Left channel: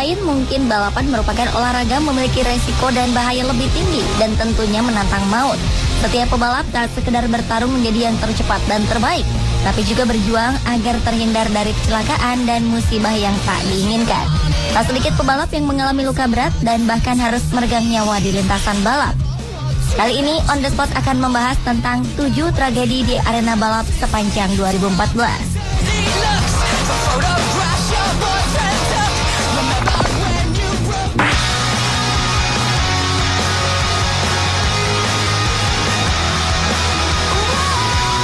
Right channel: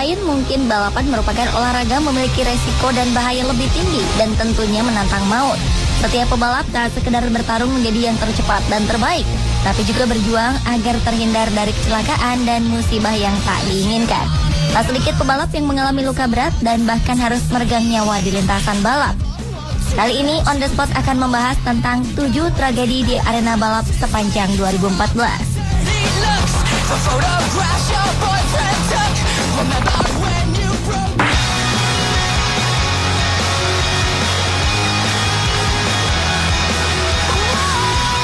lain, mungkin balapan merupakan olahraga memiliki resiko dan bahaya lebih tinggi dan tentunya menantang maut. Setiap pembalap tak sekedar bertarung menjadi yang tercepat dan terbaik, tapi juga berjuang agar terhindar dari kecelakaan dan musibah yang tak diinginkan. Tak sedikit pembalap yang mengalami luka berat dan bahkan harus meregang nyawa di lintasan balap. Kali ini On The Spot akan membahas tentang 7 tragedi di arena balap sepanjang 2014.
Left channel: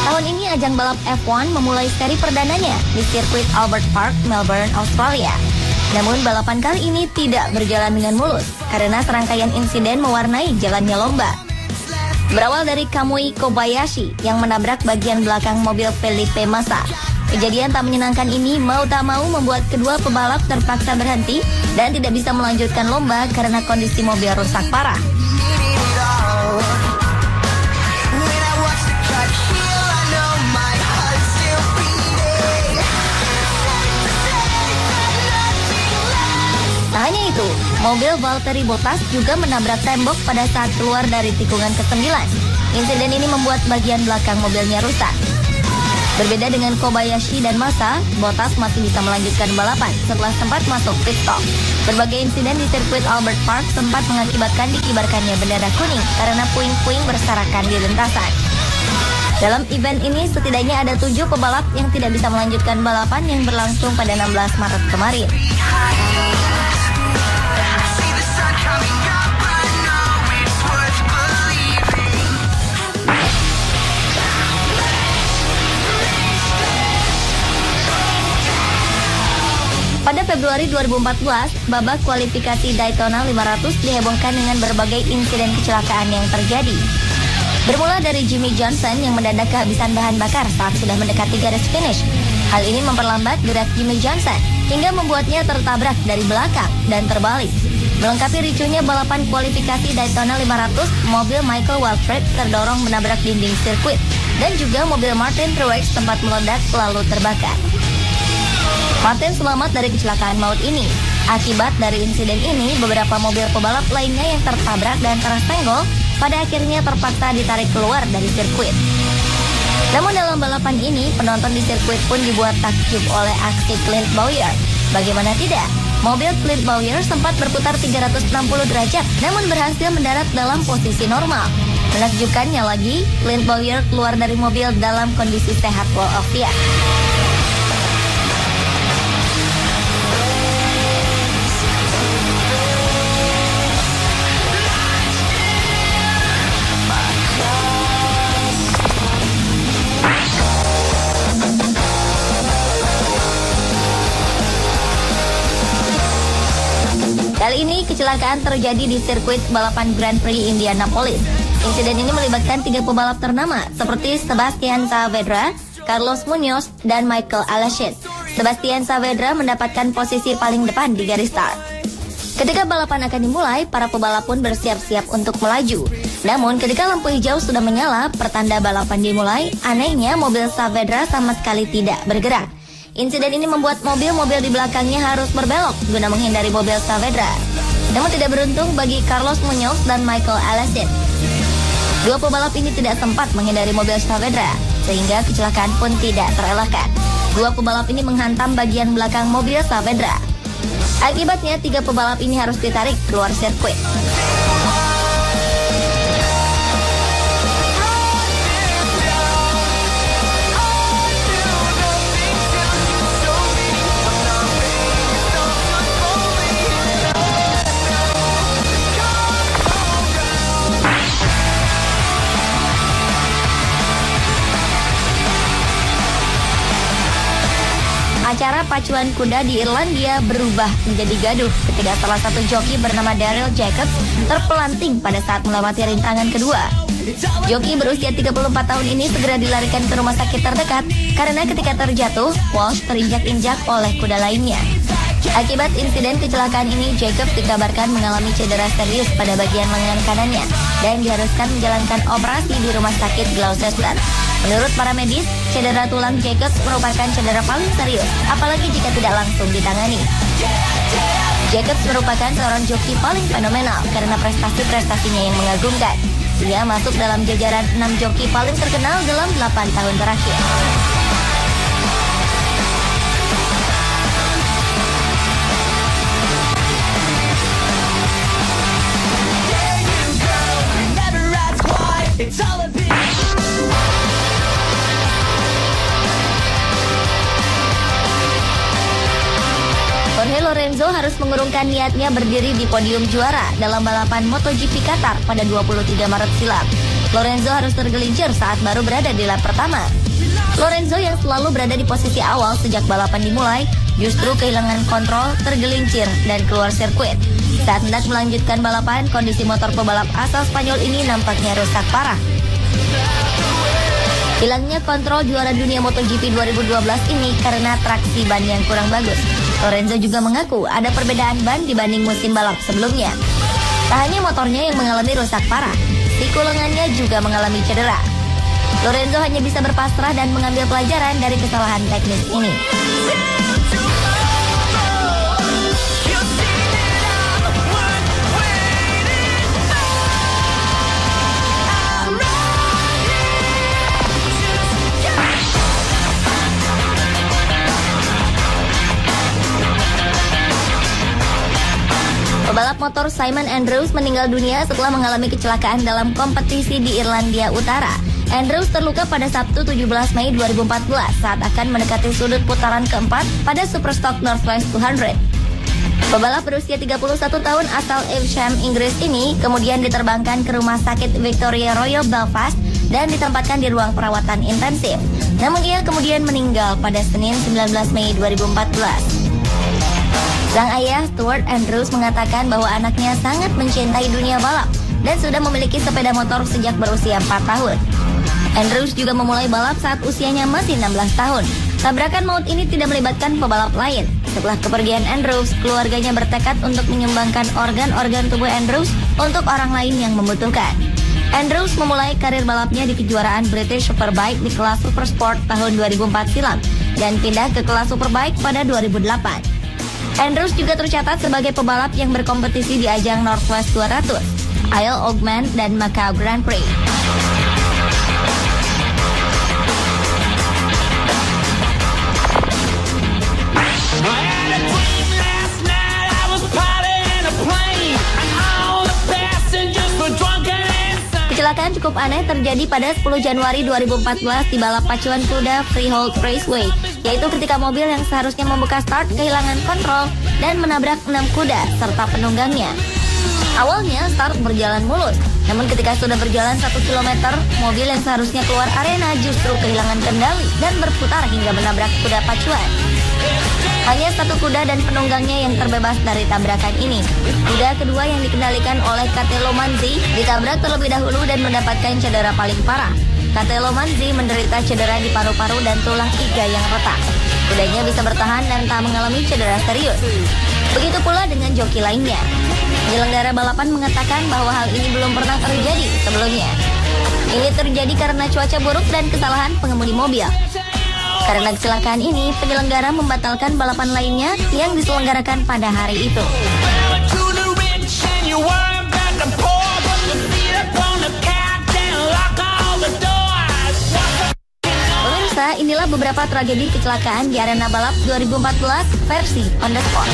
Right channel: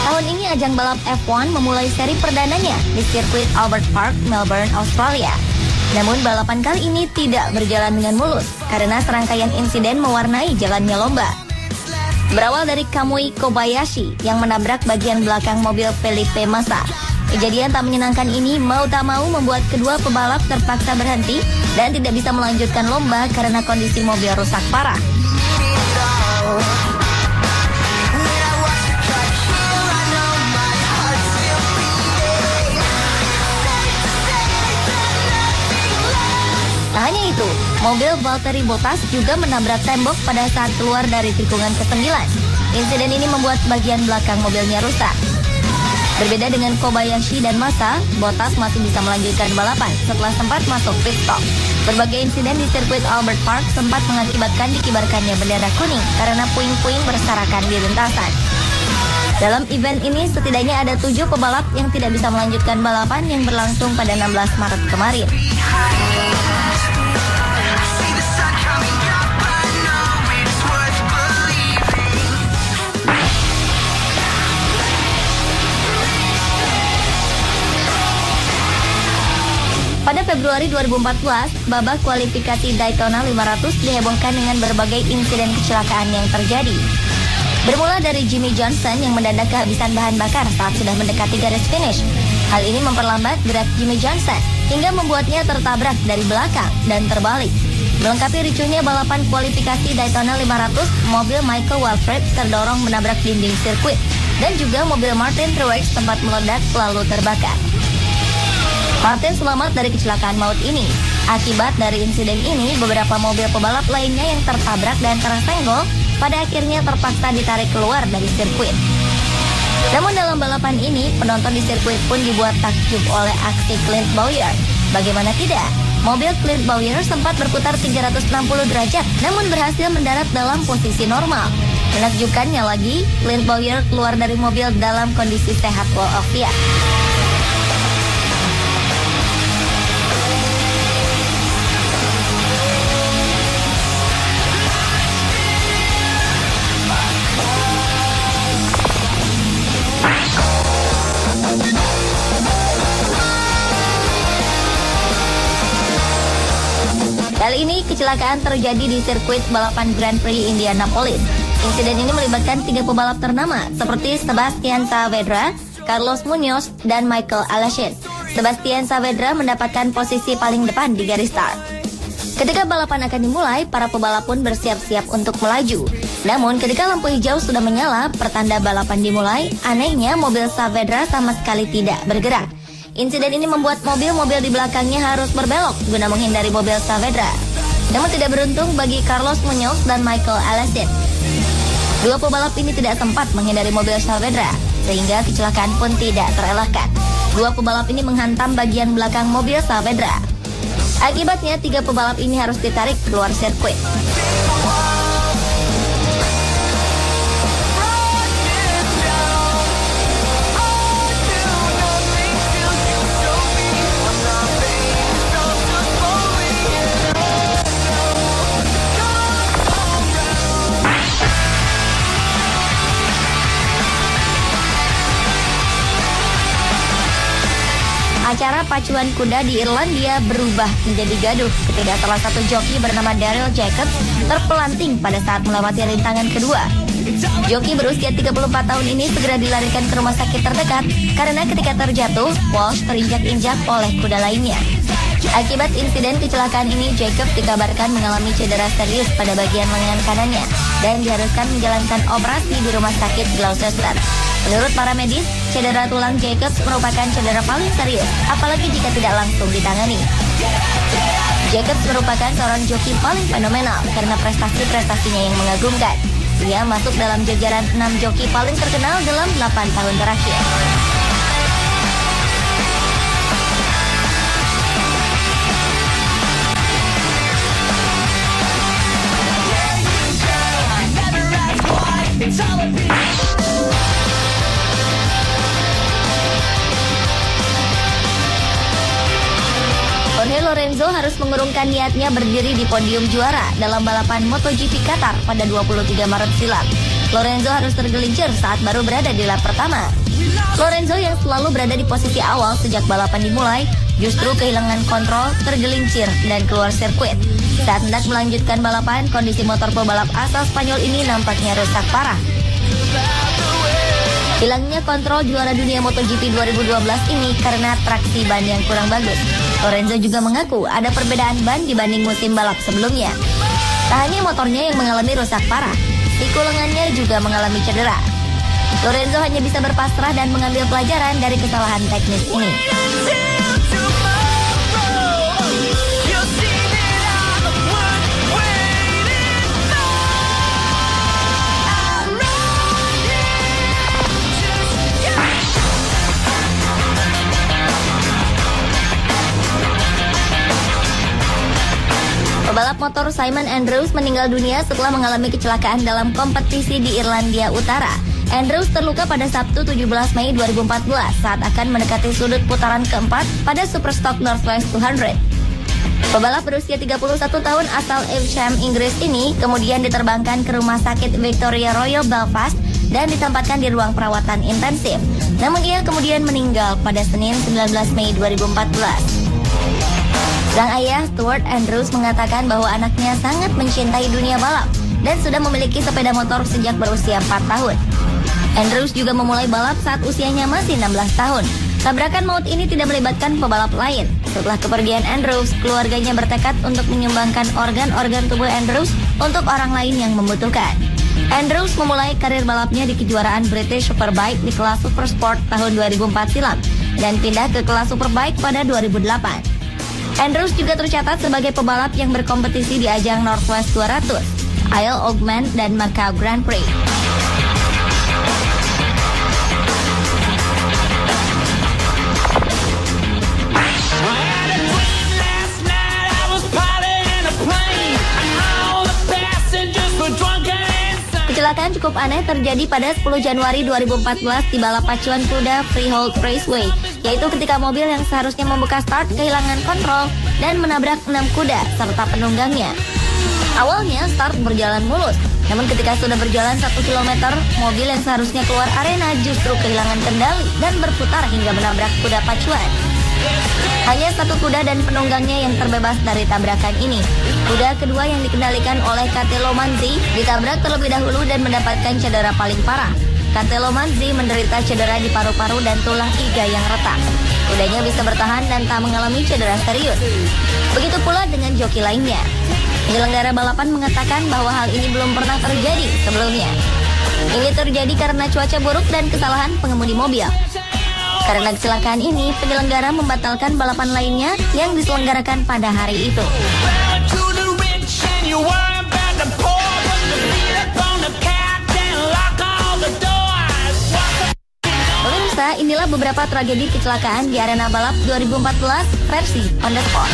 Tahun ini ajang balap F1 memulai seri perdananya di sirkuit Albert Park, Melbourne, Australia. Namun balapan kali ini tidak berjalan dengan mulus karena serangkaian insiden mewarnai jalannya lomba. Berawal dari Kamui Kobayashi yang menabrak bagian belakang mobil Felipe Massa. Kejadian tak menyenangkan ini mau tak mau membuat kedua pebalap terpaksa berhenti dan tidak bisa melanjutkan lomba karena kondisi mobil rusak parah. Tak hanya itu, mobil Valtteri Bottas juga menabrak tembok pada saat keluar dari tikungan ke-9. Insiden ini membuat bagian belakang mobilnya rusak. Berbeda dengan Kobayashi dan Massa, Bottas masih bisa melanjutkan balapan setelah sempat masuk pit stop. Berbagai insiden di sirkuit Albert Park sempat mengakibatkan dikibarkannya bendera kuning karena puing-puing berserakan di lintasan. Dalam event ini setidaknya ada 7 pebalap yang tidak bisa melanjutkan balapan yang berlangsung pada 16 Maret kemarin. Pada Februari 2014, babak kualifikasi Daytona 500 dihebohkan dengan berbagai insiden kecelakaan yang terjadi. Bermula dari Jimmie Johnson yang mendadak kehabisan bahan bakar saat sudah mendekati garis finish. Hal ini memperlambat gerak Jimmie Johnson hingga membuatnya tertabrak dari belakang dan terbalik. Melengkapi ricuhnya balapan kualifikasi Daytona 500, mobil Michael Waltrip terdorong menabrak dinding sirkuit dan juga mobil Martin Truex sempat meledak lalu terbakar. Martin selamat dari kecelakaan maut ini. Akibat dari insiden ini, beberapa mobil pebalap lainnya yang tertabrak dan tersenggol pada akhirnya terpaksa ditarik keluar dari sirkuit. Namun dalam balapan ini, penonton di sirkuit pun dibuat takjub oleh aksi Clint Bowyer. Bagaimana tidak? Mobil Clint Bowyer sempat berputar 360 derajat, namun berhasil mendarat dalam posisi normal. Menakjubkannya lagi, Clint Bowyer keluar dari mobil dalam kondisi sehat walafiat. Kali ini kecelakaan terjadi di sirkuit balapan Grand Prix Indianapolis. Insiden ini melibatkan 3 pebalap ternama seperti Sebastian Saavedra, Carlos Munoz, dan Michael Aleshin. Sebastian Saavedra mendapatkan posisi paling depan di garis start. Ketika balapan akan dimulai, para pebalap pun bersiap-siap untuk melaju. Namun ketika lampu hijau sudah menyala, pertanda balapan dimulai, anehnya mobil Saavedra sama sekali tidak bergerak. Insiden ini membuat mobil-mobil di belakangnya harus berbelok guna menghindari mobil Saavedra. Namun tidak beruntung bagi Carlos Munoz dan Michael Aleshin. Dua pebalap ini tidak sempat menghindari mobil Saavedra, sehingga kecelakaan pun tidak terelakkan. Dua pebalap ini menghantam bagian belakang mobil Saavedra. Akibatnya 3 pebalap ini harus ditarik keluar sirkuit. Pacuan kuda di Irlandia berubah menjadi gaduh ketika salah satu joki bernama Daryl Jacobs terpelanting pada saat melewati rintangan kedua. Joki berusia 34 tahun ini segera dilarikan ke rumah sakit terdekat karena ketika terjatuh, Walsh terinjak-injak oleh kuda lainnya. Akibat insiden kecelakaan ini, Jacobs dikabarkan mengalami cedera serius pada bagian lengan kanannya dan diharuskan menjalankan operasi di rumah sakit Gloucester. Menurut para medis, cedera tulang Jacobs merupakan cedera paling serius, apalagi jika tidak langsung ditangani. Jacobs merupakan seorang joki paling fenomenal karena prestasi-prestasinya yang mengagumkan. Ia masuk dalam jajaran 6 joki paling terkenal dalam 8 tahun terakhir. Jorge Lorenzo harus mengurungkan niatnya berdiri di podium juara dalam balapan MotoGP Qatar pada 23 Maret silam. Lorenzo harus tergelincir saat baru berada di lap pertama. Lorenzo yang selalu berada di posisi awal sejak balapan dimulai, justru kehilangan kontrol, tergelincir, dan keluar sirkuit. Saat hendak melanjutkan balapan, kondisi motor pebalap asal Spanyol ini nampaknya rusak parah. Hilangnya kontrol juara dunia MotoGP 2012 ini karena traksi ban yang kurang bagus. Lorenzo juga mengaku ada perbedaan ban dibanding musim balap sebelumnya. Tak hanya motornya yang mengalami rusak parah, siku lengannya juga mengalami cedera. Lorenzo hanya bisa berpasrah dan mengambil pelajaran dari kesalahan teknis ini. Pembalap motor Simon Andrews meninggal dunia setelah mengalami kecelakaan dalam kompetisi di Irlandia Utara. Andrews terluka pada Sabtu 17 Mei 2014 saat akan mendekati sudut putaran keempat pada Superstock Northwest 200. Pembalap berusia 31 tahun asal Evesham, Inggris ini kemudian diterbangkan ke rumah sakit Victoria Royal Belfast dan ditempatkan di ruang perawatan intensif. Namun ia kemudian meninggal pada Senin 19 Mei 2014. Sang ayah Stuart Andrews mengatakan bahwa anaknya sangat mencintai dunia balap dan sudah memiliki sepeda motor sejak berusia 4 tahun. Andrews juga memulai balap saat usianya masih 16 tahun. Tabrakan maut ini tidak melibatkan pebalap lain. Setelah kepergian Andrews, keluarganya bertekad untuk menyumbangkan organ-organ tubuh Andrews untuk orang lain yang membutuhkan. Andrews memulai karir balapnya di kejuaraan British Superbike di kelas Supersport tahun 2004 silam dan pindah ke kelas Superbike pada 2008. Andrews juga tercatat sebagai pebalap yang berkompetisi di ajang Northwest 200, Isle of Man, dan Macau Grand Prix. Kecelakaan cukup aneh terjadi pada 10 Januari 2014 di balap pacuan kuda Freehold Raceway, yaitu ketika mobil yang seharusnya membuka start kehilangan kontrol dan menabrak 6 kuda serta penunggangnya. Awalnya start berjalan mulus, namun ketika sudah berjalan 1 km, mobil yang seharusnya keluar arena justru kehilangan kendali dan berputar hingga menabrak kuda pacuan. Hanya 1 kuda dan penunggangnya yang terbebas dari tabrakan ini. Kuda kedua yang dikendalikan oleh Catelo Manzi ditabrak terlebih dahulu dan mendapatkan cedera paling parah. Catelo Manzi menderita cedera di paru-paru dan tulang iga yang retak. Kudanya bisa bertahan dan tak mengalami cedera serius. Begitu pula dengan joki lainnya. Penyelenggara balapan mengatakan bahwa hal ini belum pernah terjadi sebelumnya. Ini terjadi karena cuaca buruk dan kesalahan pengemudi mobil. Karena kecelakaan ini, penyelenggara membatalkan balapan lainnya yang diselenggarakan pada hari itu. Pemirsa, inilah beberapa tragedi kecelakaan di arena balap 2014 versi On The Spot.